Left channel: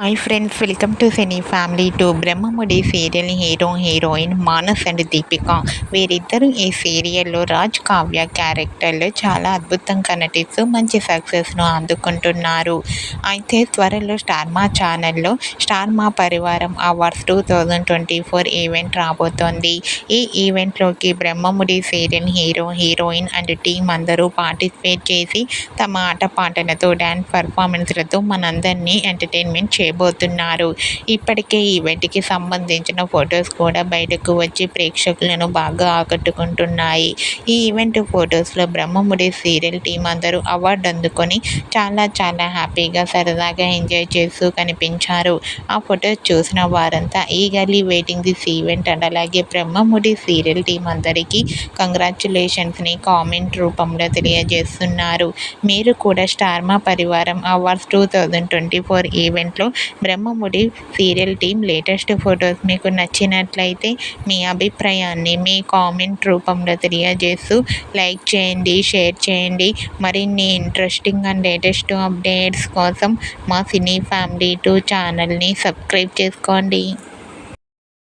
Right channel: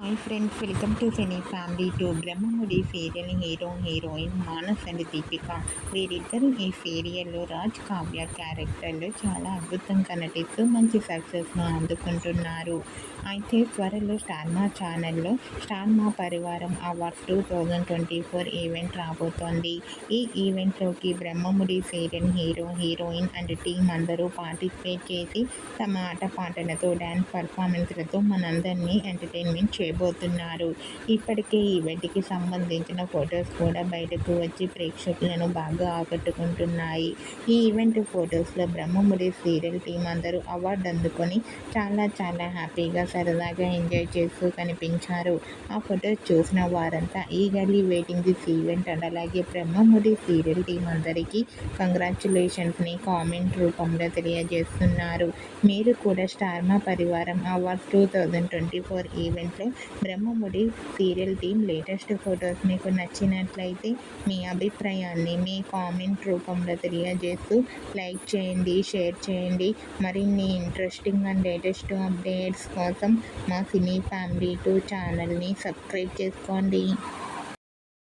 Hi friends, welcome to cine family two. Brahmamudi serial hero heroine Manas and Deepika. వీరిద్దరూ ఈ సీరియల్లో రాజ్ కావ్య క్యారెక్టర్లో చాలా అద్భుతంగా నటిస్తూ మంచి సక్సెస్ను అందుకుంటున్నారు. అయితే త్వరలో స్టార్ మా ఛానల్లో స్టార్ మా పరివారం అవార్డ్స్ 2024 ఈవెంట్ రాబోతోంది. ఈ ఈవెంట్లోకి Brahmamudi serial hero heroine and team అందరూ పార్టిసిపేట్ చేసి తమ ఆటపాటలతో డ్యాన్స్ పర్ఫార్మెన్స్లతో మనందరినీ ఎంటర్టైన్మెంట్ చేయబోతున్నారు. ఇప్పటికే ఈ ఈవెంట్కి సంబంధించిన ఫొటోస్ కూడా బయటకు వచ్చి ప్రేక్షకులను బాగా ఆకట్టుకుంటున్నాయి. ఈ ఈవెంట్ ఫొటోస్లో బ్రహ్మముడి సీరియల్ టీం అందరూ అవార్డు అందుకొని చాలా హ్యాపీగా సరదాగా ఎంజాయ్ చేస్తూ కనిపించారు. ఆ ఫొటోస్ చూసిన వారంతా eagerly waiting this event and అలాగే బ్రహ్మముడి సీరియల్ టీం అందరికీ కంగ్రాచ్యులేషన్స్ని కామెంట్ రూపంలో తెలియజేస్తున్నారు. మీరు కూడా స్టార్ మా పరివారం అవార్డ్స్ 2024 ఈవెంట్లో Brahmamudi serial team latest photos మీకు నచ్చినట్లయితే మీ అభిప్రాయాన్ని మీ కామెంట్ రూపంలో తెలియజేస్తూ లైక్ చేయండి, షేర్ చేయండి. మరిన్ని ఇంట్రెస్టింగ్ అండ్ లేటెస్ట్ అప్డేట్స్ కోసం మా సినీ ఫ్యామిలీ 2 ఛానల్ని సబ్స్క్రైబ్ చేసుకోండి.